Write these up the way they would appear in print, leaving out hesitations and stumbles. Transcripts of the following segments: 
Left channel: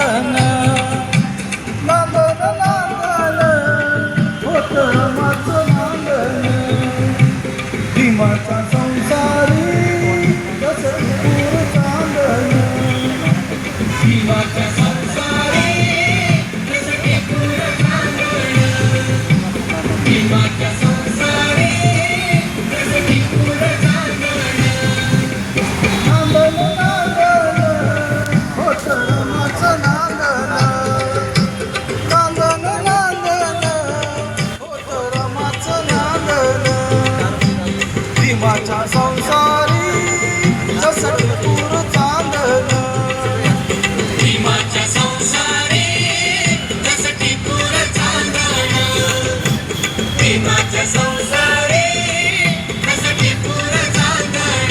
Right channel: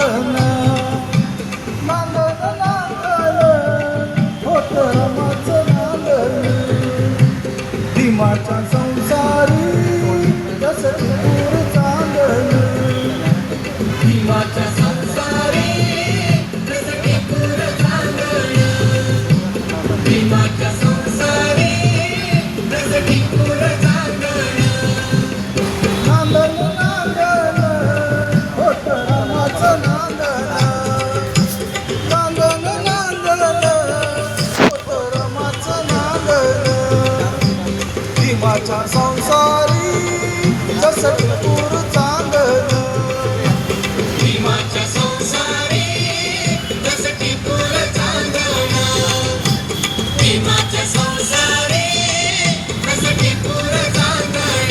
नांदन नांदन नांदन होत रमाचं नांदन भीमाच्या संसारी कसं दूर चांदन भीमाच्या संसारी कसं दूर चांदन भीमाच्या संसारी कसं दूर चांदन नांदन नांदन होत रमाचं नांदन नांदन नांदन होत रमाचं नांदन भीमाच्या संसारी जसं दूर चांदन भीमाच्या संसारी जसं दूर चांदन भीमाच्या संसारी जसं दूर चांदन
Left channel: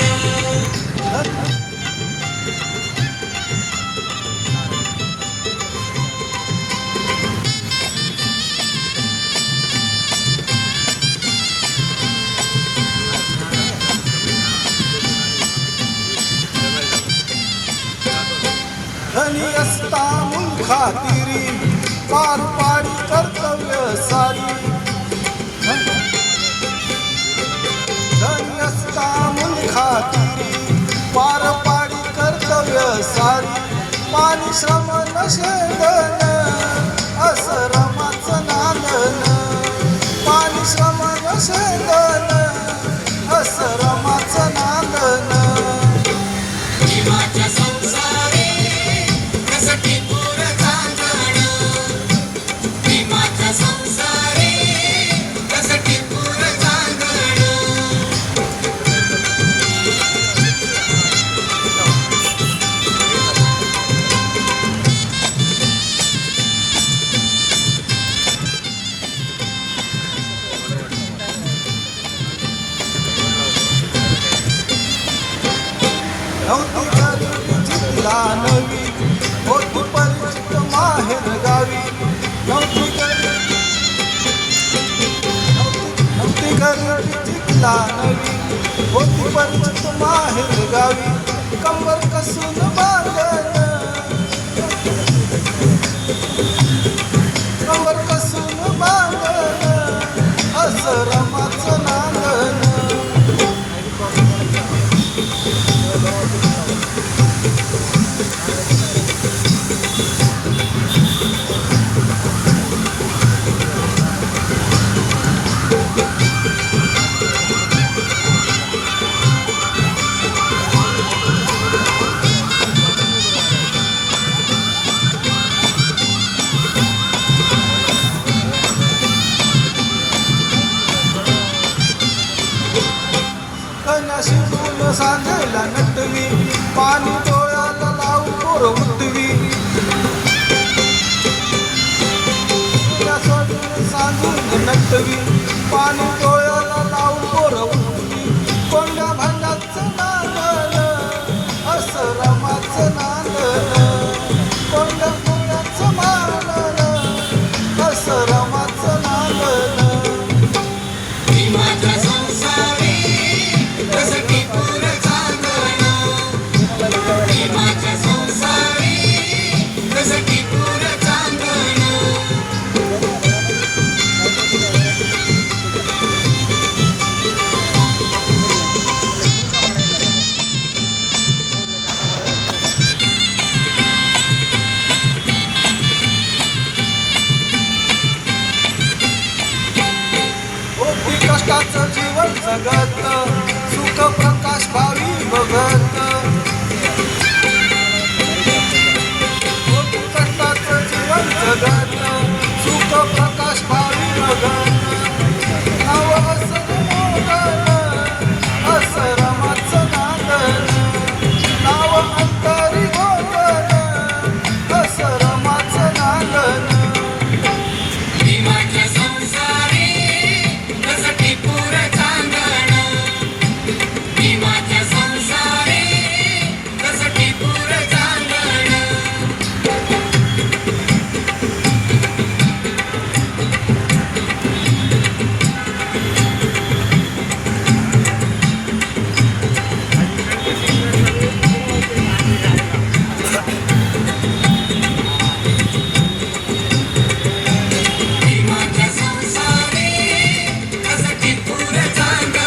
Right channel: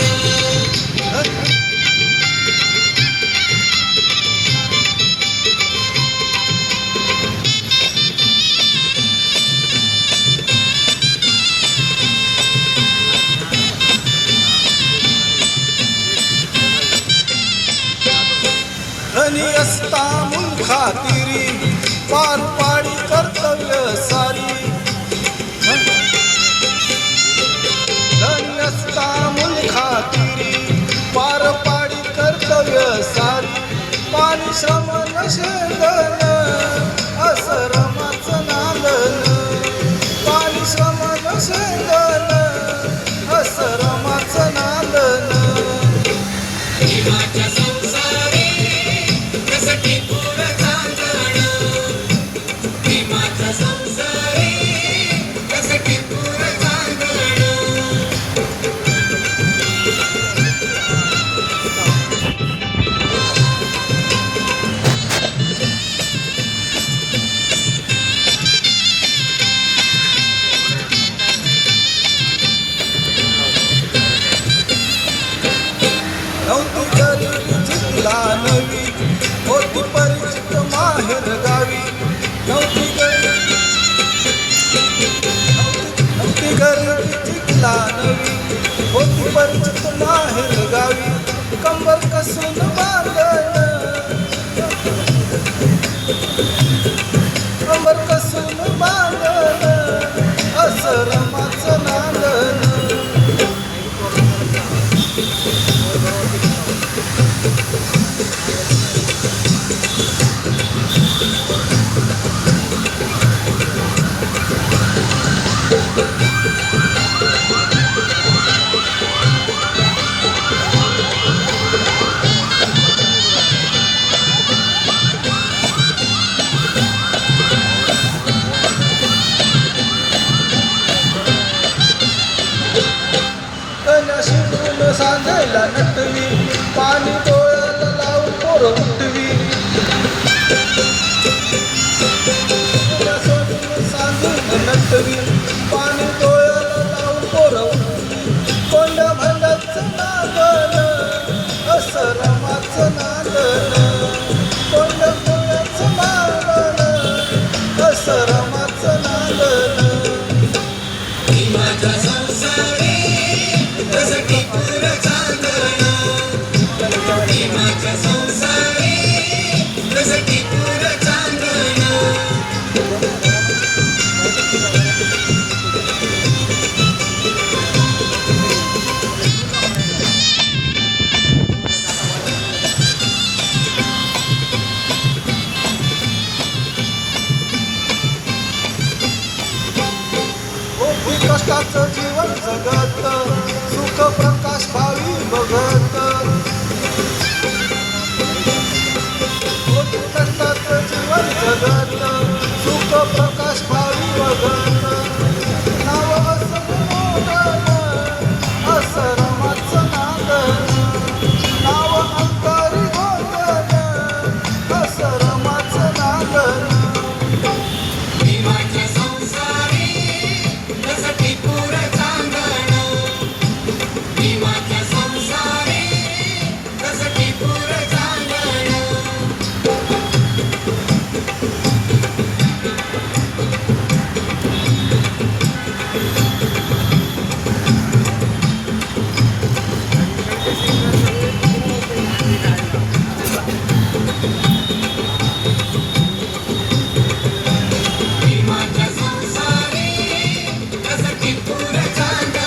धनी असता मुलखातिरी पार पाडी कर्तव्य सारी धनी असता मुलखातिरी पार पाडी कर्तव्य सारी पाणी श्रम नशेंदन असं रमाचं नांदन पाणी श्रम नशेंदन असं रमाचं नांदन भीमाच्या संसारी कसं दूर चांदन भीमाच्या संसारी कसं दूर चांदन नव्हती गरीबी जिंकला नवी होती परिचित माहेर गावी नव्हती गरीबी जिंकला नवी होती परिचित माहेर गावी कंबर कसून बांधन कंबर कसून बांधन असं रमाचं नांदन शिवून सांधेला नटवी पाणी डोळ्याला लावून पोर उठवी सांधून नटवी पाणी डोळ्याला लावून पोर उठवी कोंड्या भंगाचं नांदन असं रमाचं नांदन कोंड्या भंगाचं नांदन असं रमाचं नांदन भीमाच्या संसारी कष्टाचं जीवन जगत सुख प्रकाश भावी बघत कष्टाचं जीवन जगत सुख प्रकाश भावी बघत नाव असं गुणोदन असं रमाचं नांदन नाव अंतरी गोदन असं रमाचं नांदन भीमाच्या संसारी भीमाच्या संसारी कसं दूर चांदन राजा